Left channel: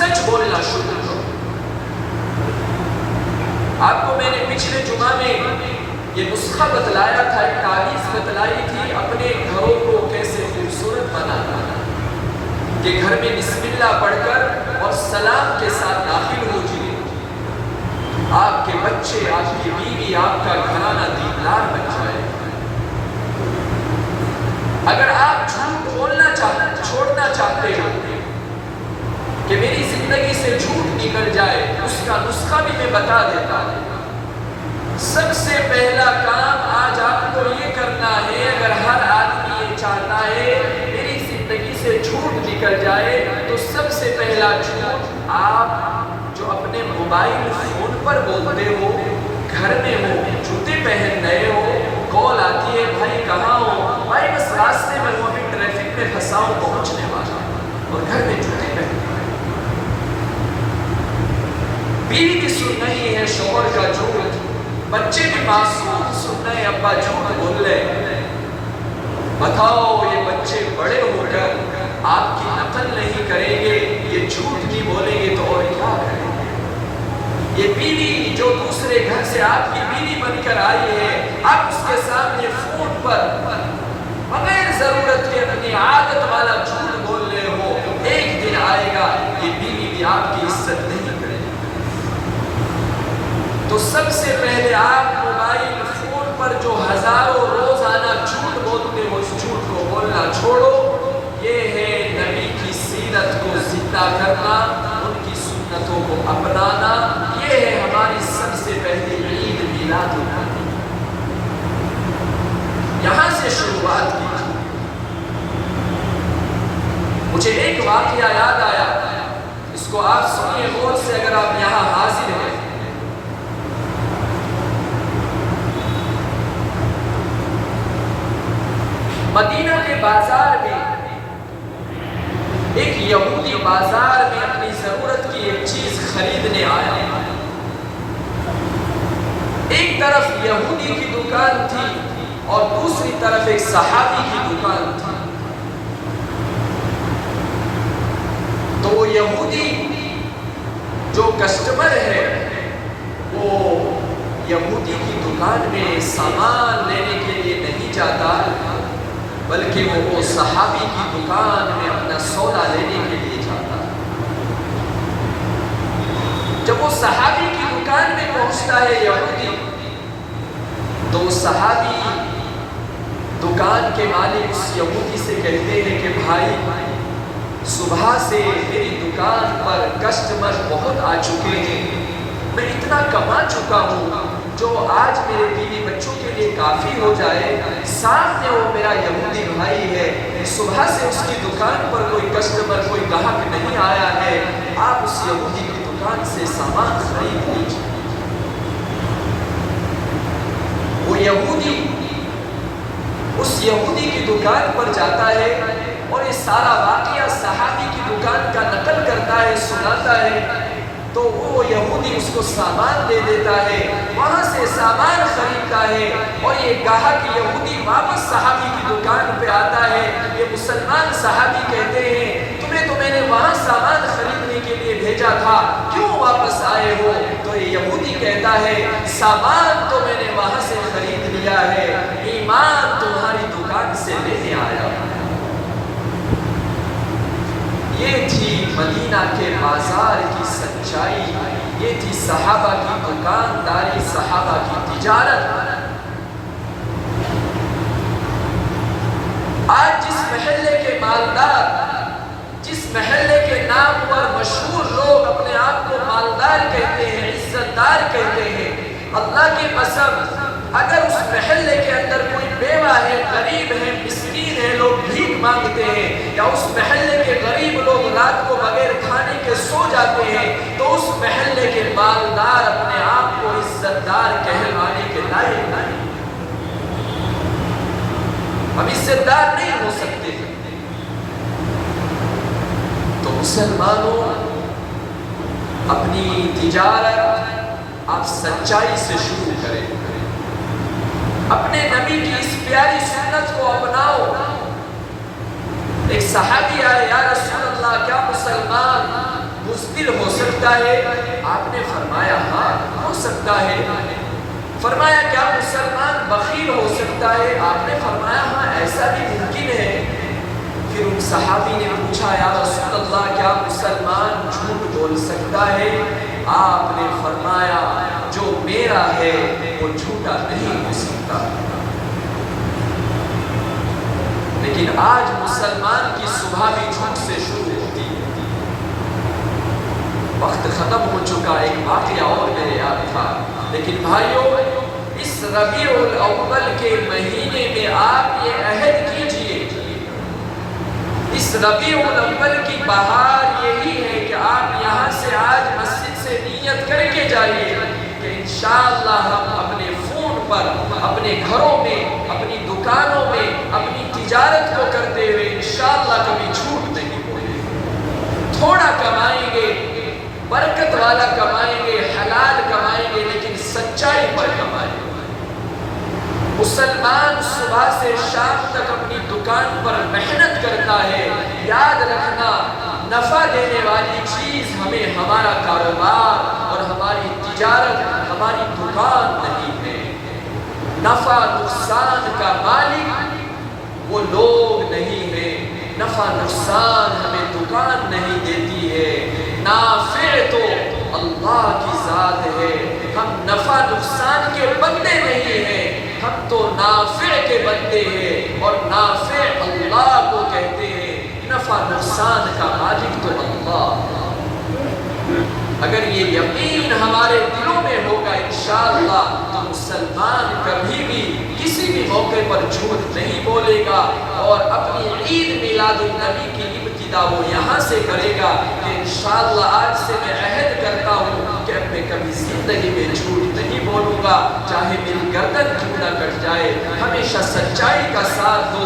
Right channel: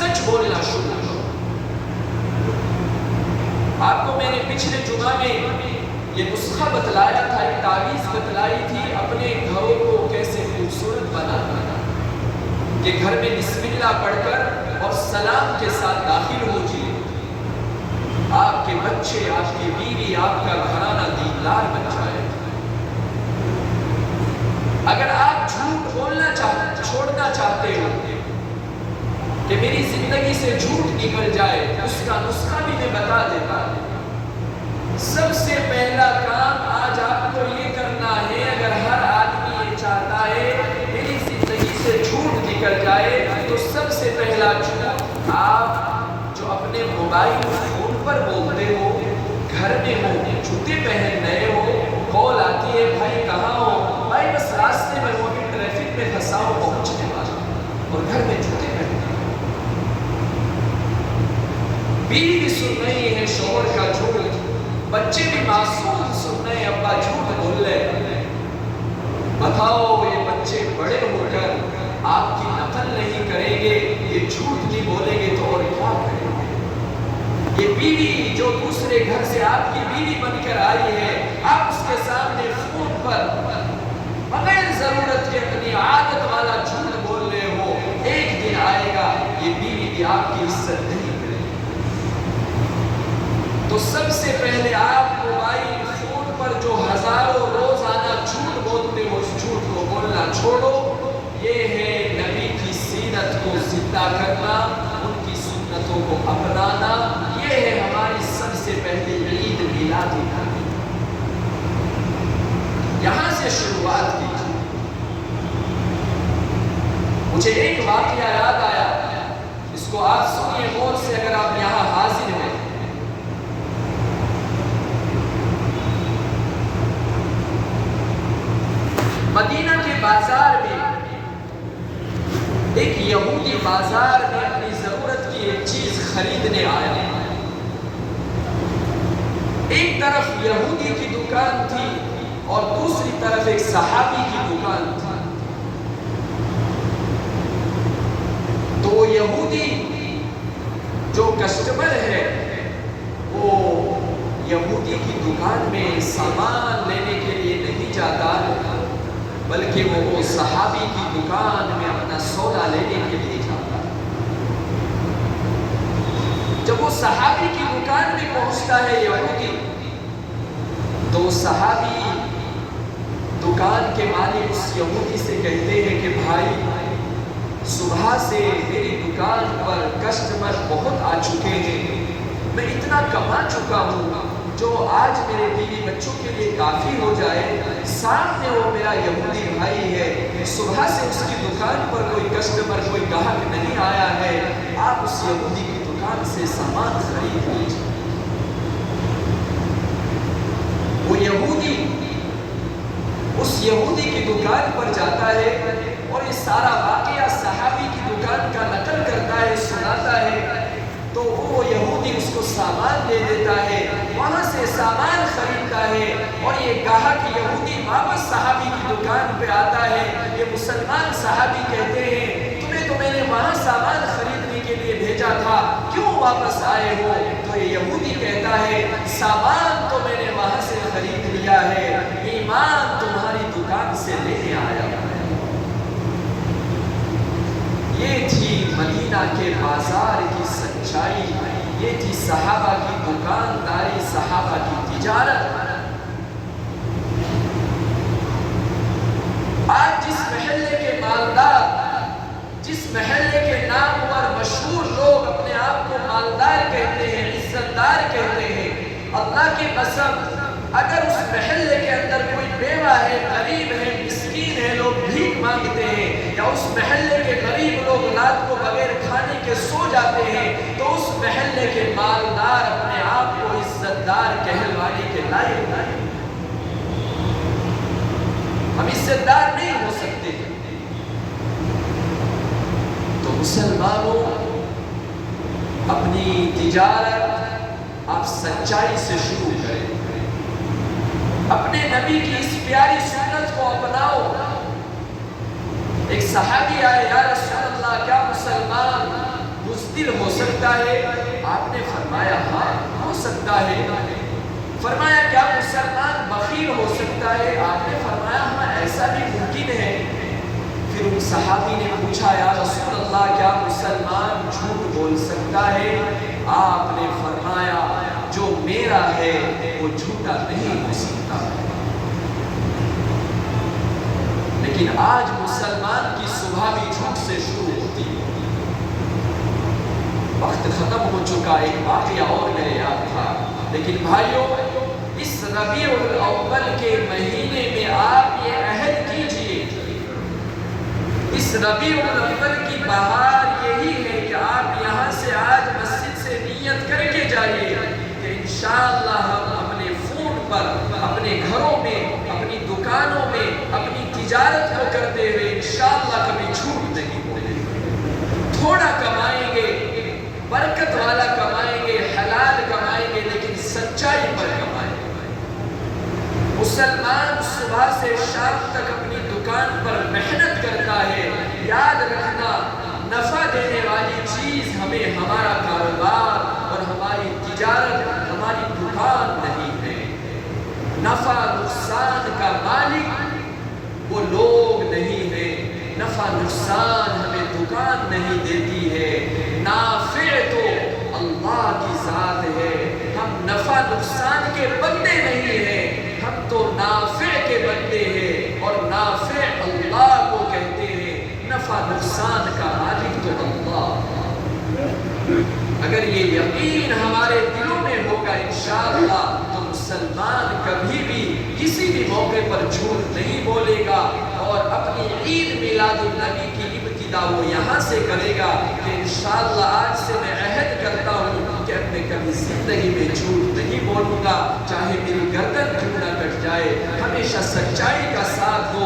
سچ بولنا شروع کرو۔ آپ کو میں نے پچھلے جمعہ میں یہ نسخہ بتلایا تھا، ایک تعویذ بتلائی تھی اپنے گھروں کو کیسے خوبصورت بنانا کہ گھر میں بسم اللہ پڑھ کر اور سلام کے ساتھ داخل ہو جائے، آپ کے بچے، آپ کی بیوی، آپ کا گھرانہ دیندار بن جائے۔ اگر آپ جھوٹ بولنا چھوڑنا چاہتے ہو کہ میری زندگی سے جھوٹ نکل جائے، اس کا نسخہ بھی میں بتا دیتا ہوں۔ سب سے پہلا کام آج آپ کو یہ کرنا ہے، اگر ہر آدمی یہ چاہتا ہے میری زندگی سے جھوٹ نکل جائے، تو سب سے پہلا جھوٹ آپ جو اپنے موبائل فون پر بولتے ہو، گھر میں ہو، جوتے پہن رہے ہو، کال آتی ہے بھائی کہاں ہو، بھائی بس راستے میں ہوں، ابھی ٹریفک میں پھنسا ہوں، پہنچنے والا ہوں، اور گھر میں جوتے پہن رہے ہو۔ بیوی بھی سن رہی ہے شوہر کا جھوٹ، بچے بھی معصوم سن رہے ہیں ابا جھوٹ بول رہے۔ بتاؤ یہ بچے بڑے ہو کر آپ کی نقل نہیں کریں گے، یہ جھوٹ نہیں بولیں گے تو اور کیا کریں گے؟ یہ بیوی جو دوسرے گھر سے آپ کی بیوی بن کر آئی ہے، آپ اس کے سامنے فون پر بغیر ضرورت کے اپنی عادت والا جھوٹ بول رہے ہو، ایک دن آئے گا یہ بیوی بھی آپ کی عزت نہیں کرے گی۔ تو سب سے پہلے آپ موبائل فون پر جو ہزاروں روزانہ جھوٹ بولتے ہو، اس جھوٹ کو بولنا چھوڑو۔ یہ ہے نبی کی سیرت کو زندہ کرنا، ان کی سنتوں کو اپنانا۔ یہ ہے ہماری سب سے پہلی عید میلاد النبی، یہاں سے شروعات کی۔ مجھے ایک واقعہ یاد آیا، اس کو آپ سنیے غور سے اگر آپ یہاں حاضر ہیں۔ مدینہ کے بازار میں ایک یہودی بازار میں اپنی ضرورت کی ایک چیز خریدنے آیا۔ ایک طرف یہودی کی دکان تھی اور دوسری طرف ایک صحابی کی دکان تھی۔ تو وہ یہودی جو کسٹمر ہے وہ یہودی کی دکان میں سامان لینے کے لیے نہیں جاتا، بلکہ وہ صحابی کی دکان میں اپنا سودا لینے کے لیے جاتا۔ جب وہ صحابی کی دکان میں پہنچتا ہے یہودی، تو صحابی دکان کے مالک اس یہودی سے کہتے ہیں کہ بھائی صبح سے میری دکان پر کسٹمر بہت آ چکے ہیں، میں اتنا کما چکا ہوں جو آج میرے بیوی بچوں کے لیے کافی ہو جائے۔ سامنے وہ میرا یہودی بھائی ہے، صبح سے اس کی دکان پر کوئی کسٹمر، کوئی گاہک نہیں آیا ہے، آپ اس یہودی کی دکان سے سامان خرید لیجیے۔ وہ یہودی اس یہودی کی دکان پر جاتا ہے اور یہ سارا واقعہ صحابی کی دکان کا نقل کرتا ہے، سناتا ہے۔ تو وہ یہودی اس کو سامان دے دیتا ہے، وہاں سے سامان خریدتا ہے، اور یہ گاہک یہودی واپس صحابی کی دکان پہ آتا ہے۔ یہ مسلمان صحابی کہتے ہیں تمہیں تو میں نے وہاں سامان خریدنے کے لیے بھیجا تھا، کیوں واپس آئے ہو؟ تو یہ یہودی کہتا ہے سامان تو میں نے وہاں سے خرید لیا ہے، ایمان تمہاری دکان سے لینے آیا ہوں۔ یہ تھی مدینہ کے بازار کی سچائی، یہ تھی صحابہ کی دکانداری، صحابہ کی تجارت۔ آج جس محلے کے مالدار، جس محلے کے نام پر مشہور لوگ اپنے آپ کو مالدار کہتے ہیں، عزت دار کہتے ہیں، اللہ کی قسم اگر اس محلے کے اندر کوئی بیوہ ہے، غریب ہے، مسکین ہے، لوگ بھیک مانگتے ہیں، یا اس محلے کے غریب لوگ رات کو بغیر کھانے کے سو جاتے ہیں، تو اس محلے کے مالدار اپنے آپ کو عزت دار کہلوانے کے لائق نہیں۔ ہم عزت دار نہیں ہو سکتے۔ تو مسلمانوں، اپنی تجارت آپ سچائی سے شروع کریں، اپنے نبی کی اس پیاری سنت کو اپناؤ۔ ایک صحابی آئے، یا رسول اللہ کیا مسلمان بزدل ہو سکتا ہے؟ آپ نے فرمایا ہاں ہو سکتا ہے۔ فرمایا کیا مسلمان بخیل ہو سکتا ہے؟ آپ نے فرمایا ہاں ایسا بھی ممکن ہے۔ پھر ان صحابی نے پوچھا یا رسول اللہ کیا مسلمان جھوٹ بول سکتا ہے؟ آپ نے فرمایا جو میرا ہے وہ جھوٹا نہیں ہو سکتا۔ لیکن آج مسلمان کی صبح بھی جھوٹ سے شروع ہوتی ہے۔ وقت ختم ہو چکا، ایک واقعہ اور میرے یاد تھا، لیکن بھائیوں اس ربیع الاول کے مہینے میں آپ یہ عہد کیجئے، اس ربیع الاول کی بہار یہی ہے کہ آپ یہاں سے آج مسجد سے نیت کر کے جائیے کہ انشاءاللہ ہم اپنے فون پر، اپنے گھروں میں، اپنی دکانوں میں، اپنی تجارت کو کرتے ہوئے انشاءاللہ کبھی جھوٹ نہیں بولیں گے۔ تھوڑا کمائیں گے، برکت والا کمائیں گے، حلال کمائیں گے، لیکن سچائی پر کمائیں گے۔ مسلمان صبح سے شام تک اپنی دکان پر محنت کرتا ہے، یاد رکھنا نفع دینے والی چیز ہمیں ہمارا کاروبار اور ہماری تجارت، ہماری دکان نہیں ہے۔ نفع نقصان کا مالک وہ لوگ نہیں ہیں، نفع نقصان ہمیں دکان نہیں دیتی ہے، نافع تو اللہ کی ذات ہے۔ ہم نفع نقصان کے بندے نہیں ہیں، ہم تو نافع کے بندے ہیں، اور نافع اللہ کو کہتے ہیں، نفع نقصان کا مالک تو اللہ۔ اگر یہ یقین ہمارے دلوں میں ہوگا انشاءاللہ تو مسلمان کبھی بھی کسی بھی موقع پر جھوٹ نہیں بولے گا، اور اپنی عید میلاد النبی کی ابتدا وہ یہاں سے کرے گا کہ انشاءاللہ آج سے میں عہد کرتا ہوں کہ اب میں کبھی زندگی میں جھوٹ نہیں بولوں گا، چاہے میری گردن کیوں نہ کٹ جائے، ہمیشہ سچائی کا ساتھ دوں